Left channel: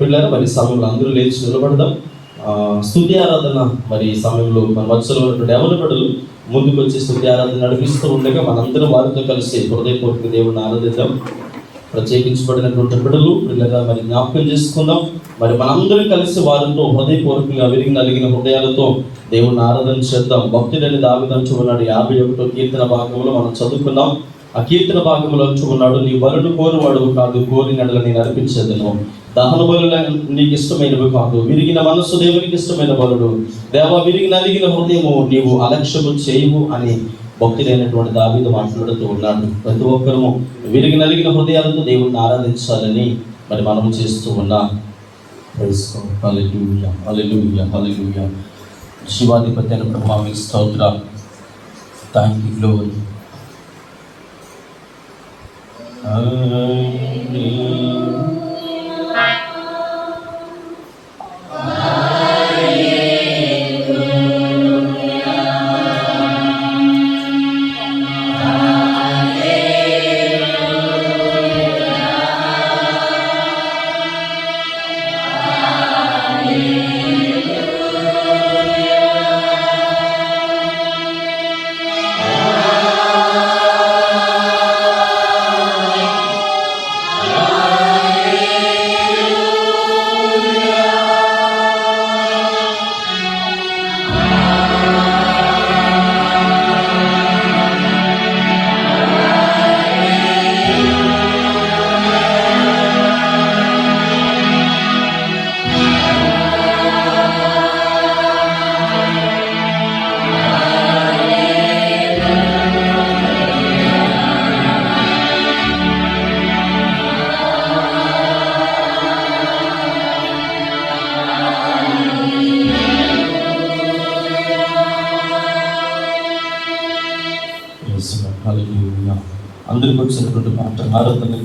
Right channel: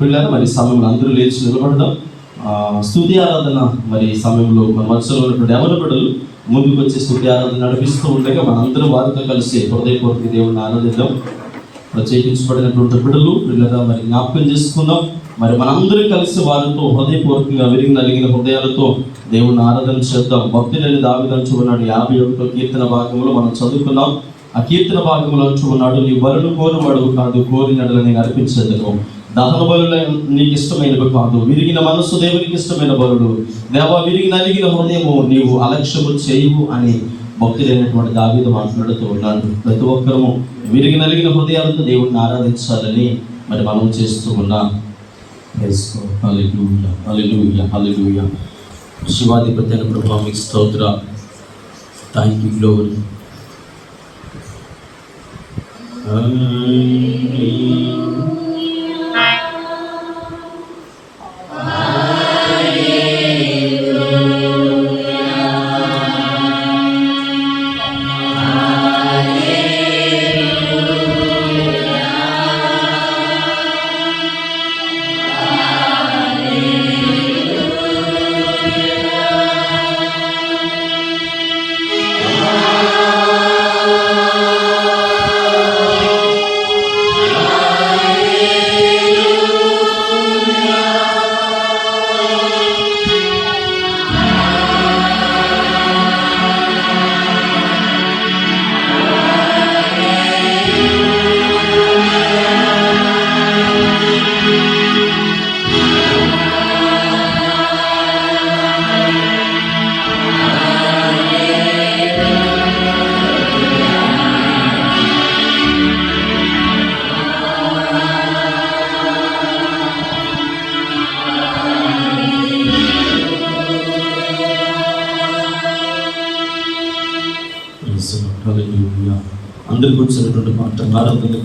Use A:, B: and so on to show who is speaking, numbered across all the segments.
A: పిల్లలు మరి సమయంలో అందరూ లేచి నిలబడదాం. స్థుతి ఆరాధన మరి సమయంలో మన మధ్యలో ఉన్నటువంటి ఎవరి ముందుకు వచ్చి స్థుతి ఆరాధన నడిపిస్తూ ఉండగా మనందరం వారితో కలిసి హృదయపూర్వక దేవుని ఆరాధిద్దాం. ప్రత్యేకించబడినటువంటి బిడ్డలు పిల్లగా మరి జ్ఞాపకం చేసుకుందాం. మరి మనందరం కలిసి వారితో హృదయపూర్వకంగా విరిగి నలిగిన హృదయాలతో దేవుని ఆరాధన చేద్దాం. భక్తుడని దావిదంచు ఉన్నాడు. యాభై ఒకటో కీర్తన భాగంలో మనం చదువుకున్నాం ఆ కీర్తన భాగంలో ఉన్నాడు. నీ వరుడు కోరువాడు కాదు కోరినడల నేను అర్పించేదను. దహన బలుల నీకు ఇష్టమైనవి కాదు విరిగిన మనస్సు దేవునికి ఇష్టమైన బలుడు. దేవా విరిగి నలిగిన హృదయము నీవు అలక్ష్యము చేయవు అని భక్తులైనటువంటి దావీదు మాట్లాడుతూ ఉన్నాడు. ప్రతి ఒక్కరము విరిగి నలిగిన హృదయాలతో దేవుడిని ఆరాధించాలని మరి మనం చేస్తూ ఉన్నాం. హల్లెలూయా హల్లెలూయా హల్లెలూయా శివాధిపతి అయిన ప్రభావ మీకు స్తోత్ర. థ్యాంక్ యూ గ్లోరీ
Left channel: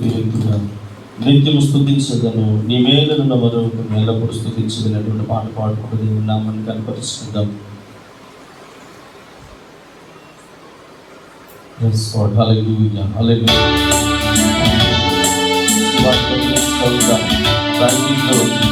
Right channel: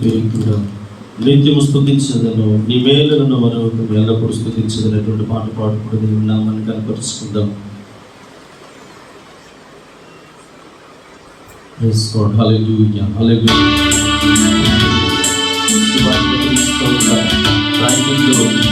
A: ఆరాధన నిత్యము స్థుతించదను నీ మేలున్న వరకు ఎల్లప్పుడు స్థుతించదనేటువంటి పాట పాడుకుంటూ ఉన్నామని కనపరుచుకుందాం Praise God. Hallelujah. Hallelujah. Thank you, Lord.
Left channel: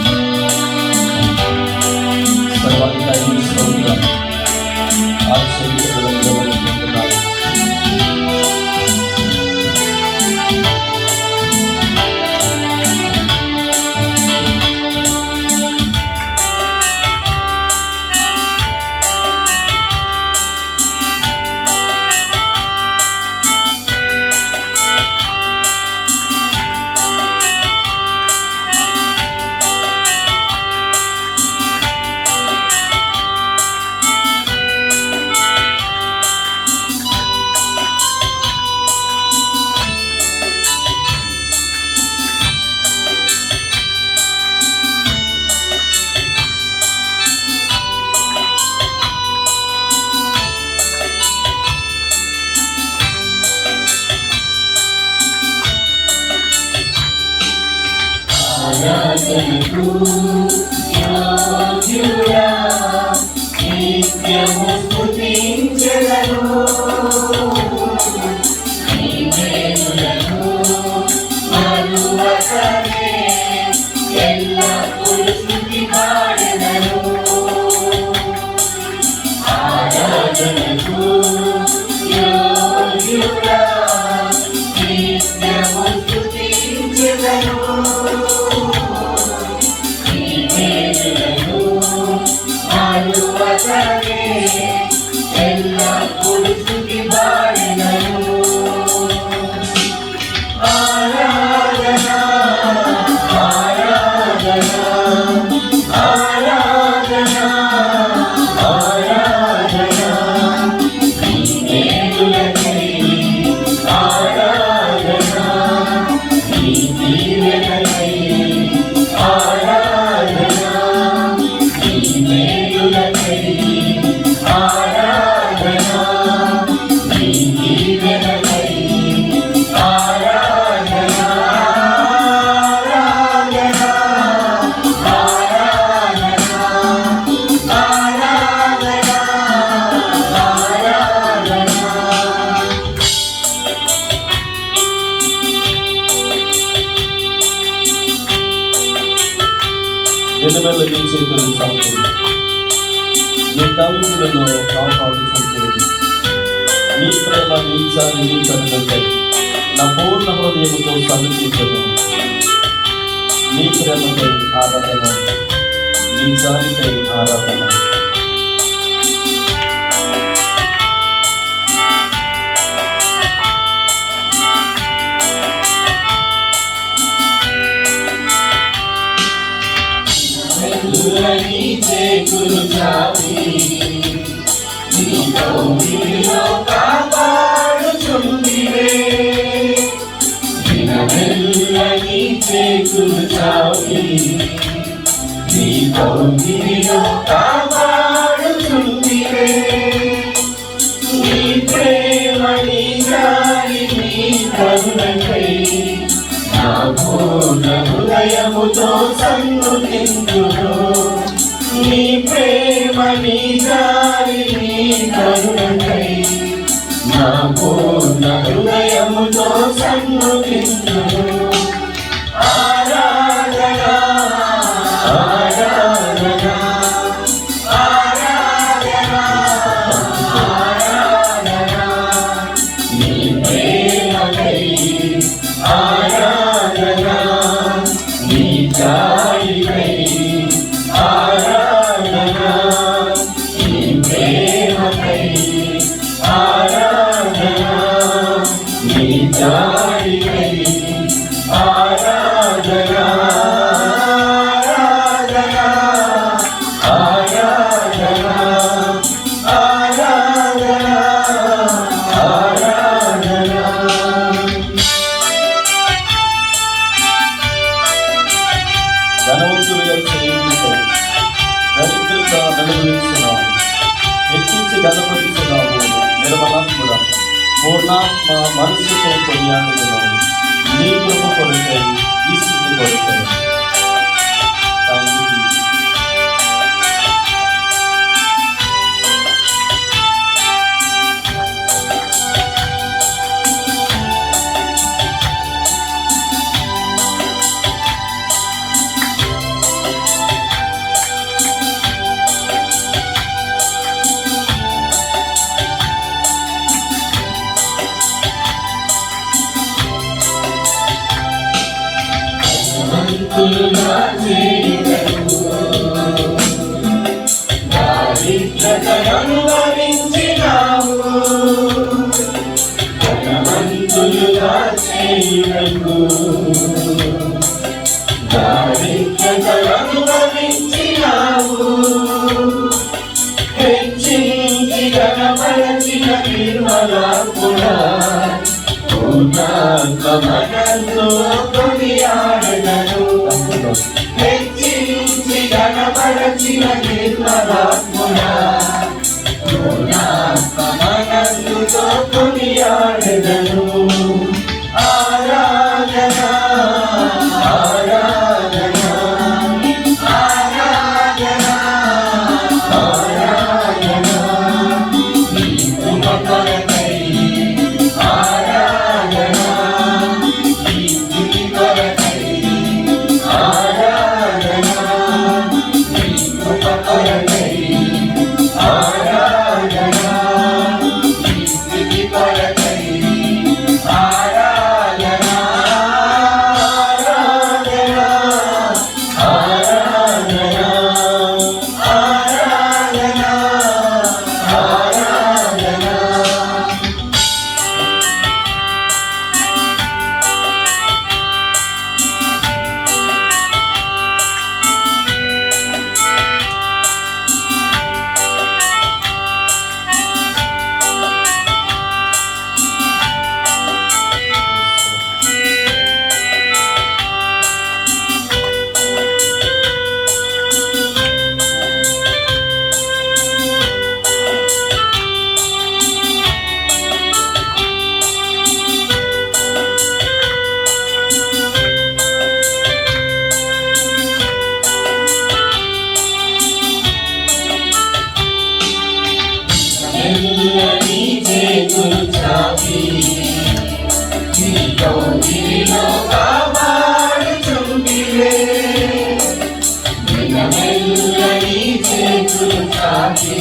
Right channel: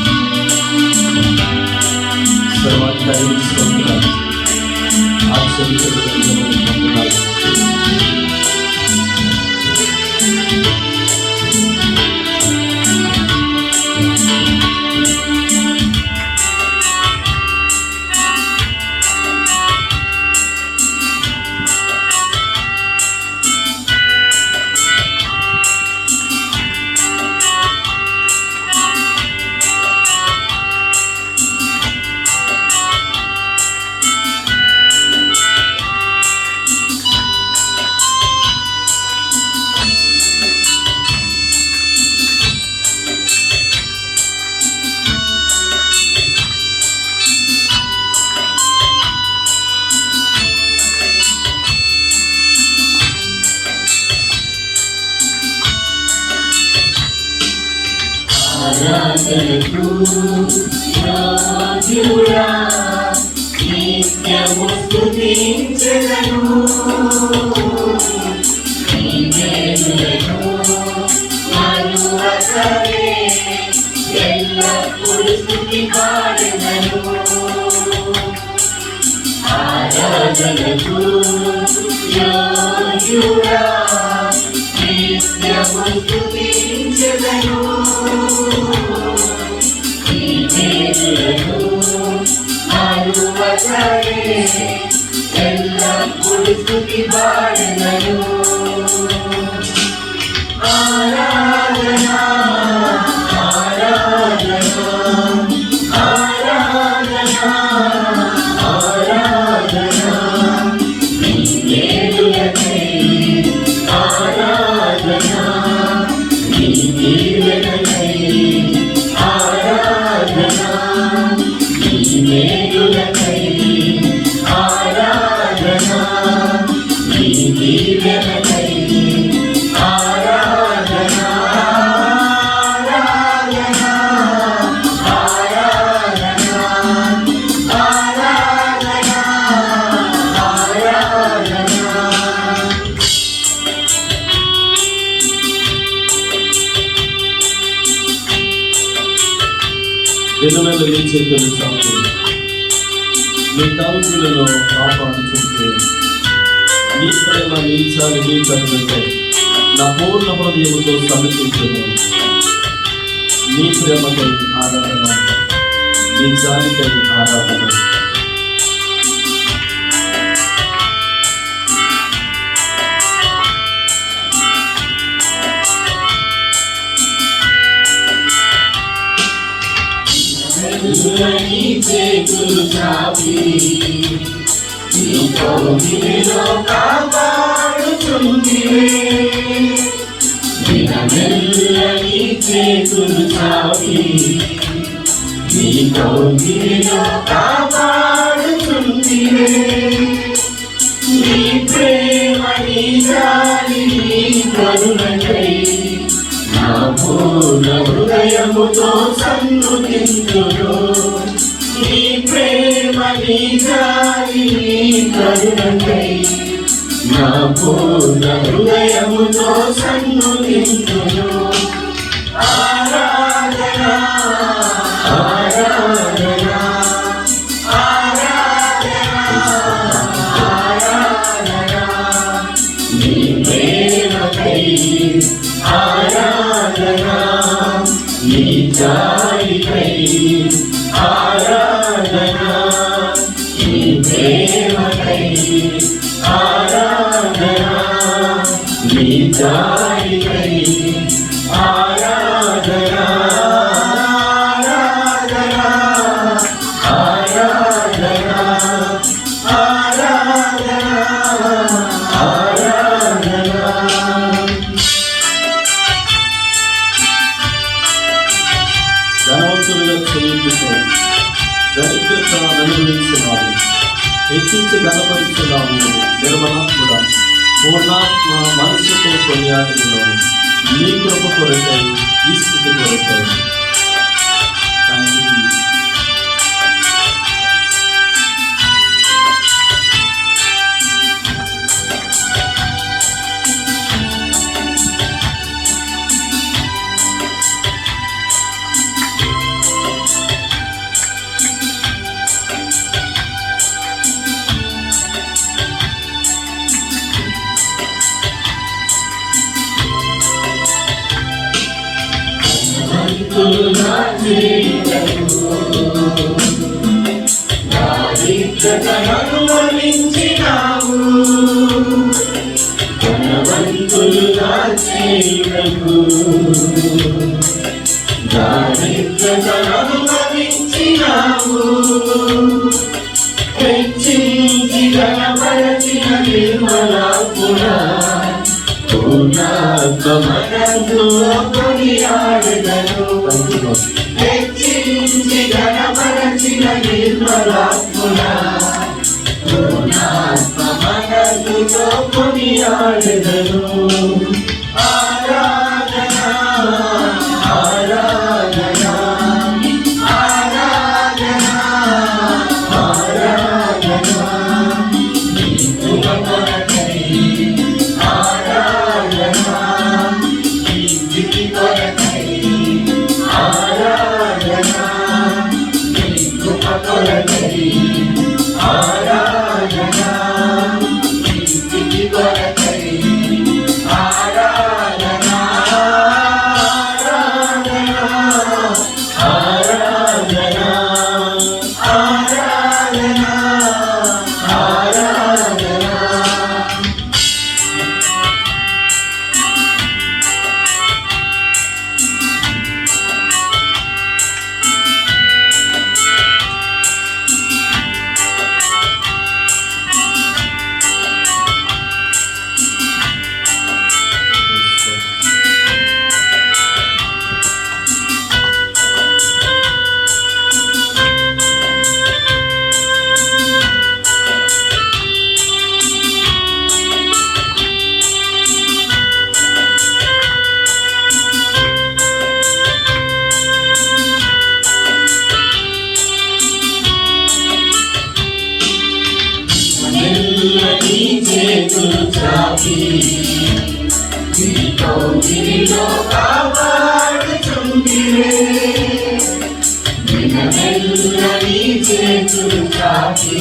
B: నిత్యము స్తుతించెదను నీ మేలులను మరువకనే ఎల్లప్పుడు స్తుతి పాడెదను ఆరాధనకు యోగ్యుడా నిత్యము
A: దినవేళ నుంచి చేతులు చాపుతుంది నీ తలుపులలో కాపాడుతుంటే నీ ప్రేమ నీ చాలి నీ కరుణకై నా పూర్ణ హృదయంతో సమర్పించదు నీ ప్రేమకై ఆరాధన నీ చాలికై ఆరాధన.
B: మెల్లని చేతులు చాపి నీ కౌగిలిలో కాపాడుచుందివే మెల్లని చేతులు చాపి నీ కౌగిలిలో కాపాడుచుందివే నీ ప్రేమ నీ జాలి నీ కరుణకై నా పూర్ణ హృదయముతో సన్నుతింతును ప్రేమకై everything కొనియాడెదను. నీతో నీలో కాపాడుతుందివే వినమెల్ల నీ చేతులు కాచి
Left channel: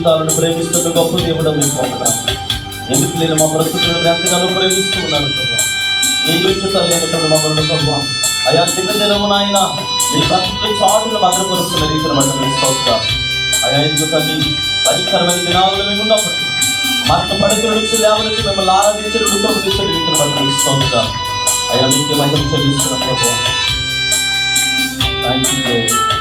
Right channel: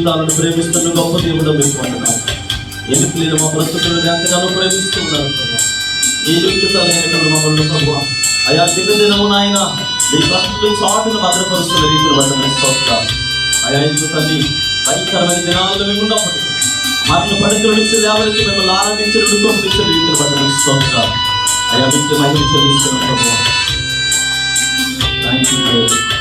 A: జీవితాలను ప్రేమిస్తున్న గొప్ప దేవుడు మీకు వందనాలు. ఎందుకు లేని మా ప్రస్తుతం ఎంతగానో ప్రేమిస్తున్నారు ప్రభా. ఏ యోగ్యత లేనటువంటి మమ్మల్ని ప్రభు? అయా దినదినమున ఆయన మీ ప్రస్తుతం చాటును భద్రపరుస్తున్న రీతిలో బట్టి స్తోత్రాలు అయా ఎందుకు తల్లి? భయంకరమైన దినాల్లో మేము ఉన్నప్పుడు మరణ పడుతున్న నుంచి లేవరికి మిమ్మల్ని ఆరాధించిన దుఃఖం తీసిన రీతిలో బట్టి స్తోత్రాలు అయా మీకు మహిళ చెల్లిస్తున్నాం ప్రభు. థ్యాంక్ యూ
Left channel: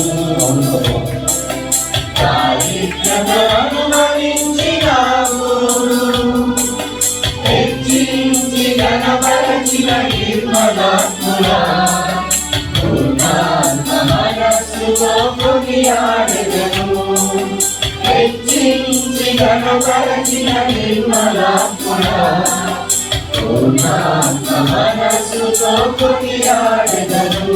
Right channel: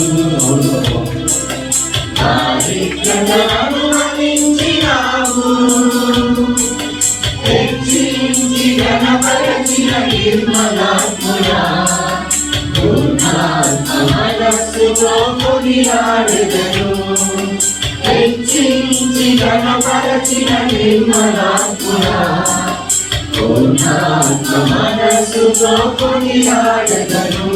B: చేయుటకు దారిద్ర్యతను భరించినావు హెచ్చించి పూర్ణాత్మ మనస్సుతో కొనియాడెదను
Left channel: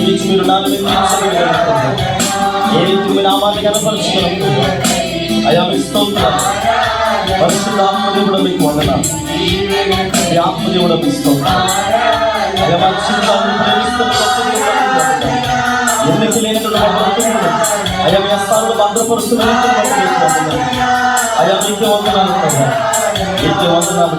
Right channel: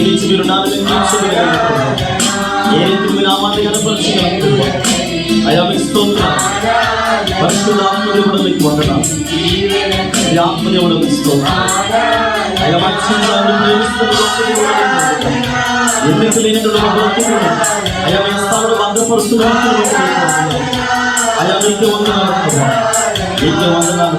A: ఏమి ఇచ్చి మీరు నా మీద నిలిచగలరు ఏ రీతి మీ నామాన్ని కనపరచగలరు అయ్యా మీ స్తోత్రాలు పరిశుద్ధ ఆత్మదేవుడు మీకు వందనాలు మీ ఆత్మదేవుడు మీకు స్తోత్రాలు అయ్యా మా జీవితాన్ని ప్రేమిస్తున్న గొప్ప దేవుడు మీకు వందనాలు. ఎన్నిక లేనటువంటి మా బ్రతుకులను అయ్యా మీ హస్తాలను భద్రపరుస్తున్న రీతిలో మీకు వందనాలు. అయ్యా మీకే వందనాలు ప్రభా మీకే వందనాలు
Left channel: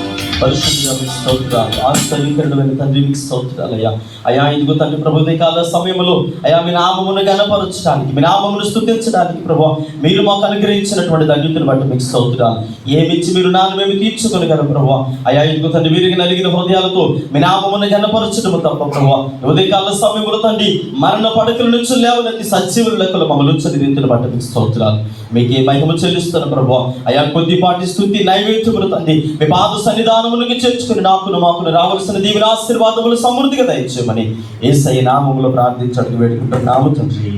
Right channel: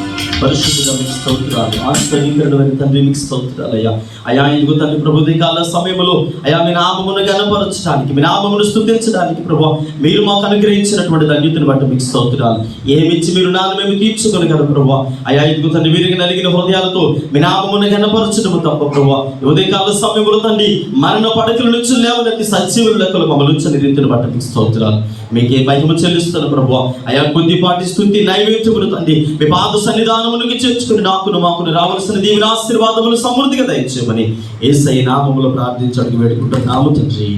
A: మీకు స్తోత్రాలు. పరిశుద్ధుల మీకు స్తోత్రాలు ఆశ్చర్యకరమైన తండ్రి మీకు స్తోత్రాలు అయ్యా. అయా ఇదిగో తండ్రి ప్రభు కాల సమయంలో అయా మీ నామమును కనపరచడానికి మీ నామమును స్థుతించడానికి ప్రభు మీరు మాకు అనుగ్రహించినటువంటి ధన్యతను బట్టి మీకు స్తోత్రాలు. ఏమిచ్చి మీరు నాన్న మేము తీర్చుకోగలరు ప్రభు. అయా ఇదిగో తండ్రి వీరికి నలిగిన హృదయాలతో మీ నామమును కనపరచడం తప్ప ప్రభు. ఉదయకాల సమయంలో తండ్రి మరణ పడకల నుంచి లేవనెత్తి సజీవులకు మమ్మల్ని ఉంచని రీతిని బట్టి మీకు స్తోత్రాలు. మీకే మహిమ చెల్లిస్తున్న ప్రభు అయా కొద్దిపాటి స్థుతి నైవేద్యములు తండ్రి. మీ పాద సన్నిధానములకి చేర్చుకుని నాకును మాకును రావాల్సిన దీవిన ఆశీర్వాదములు సమృద్ధిగా దయచేయమని ఏసై నామములు ప్రార్థించడానికి వేడుకుంటున్నాము తండ్రి.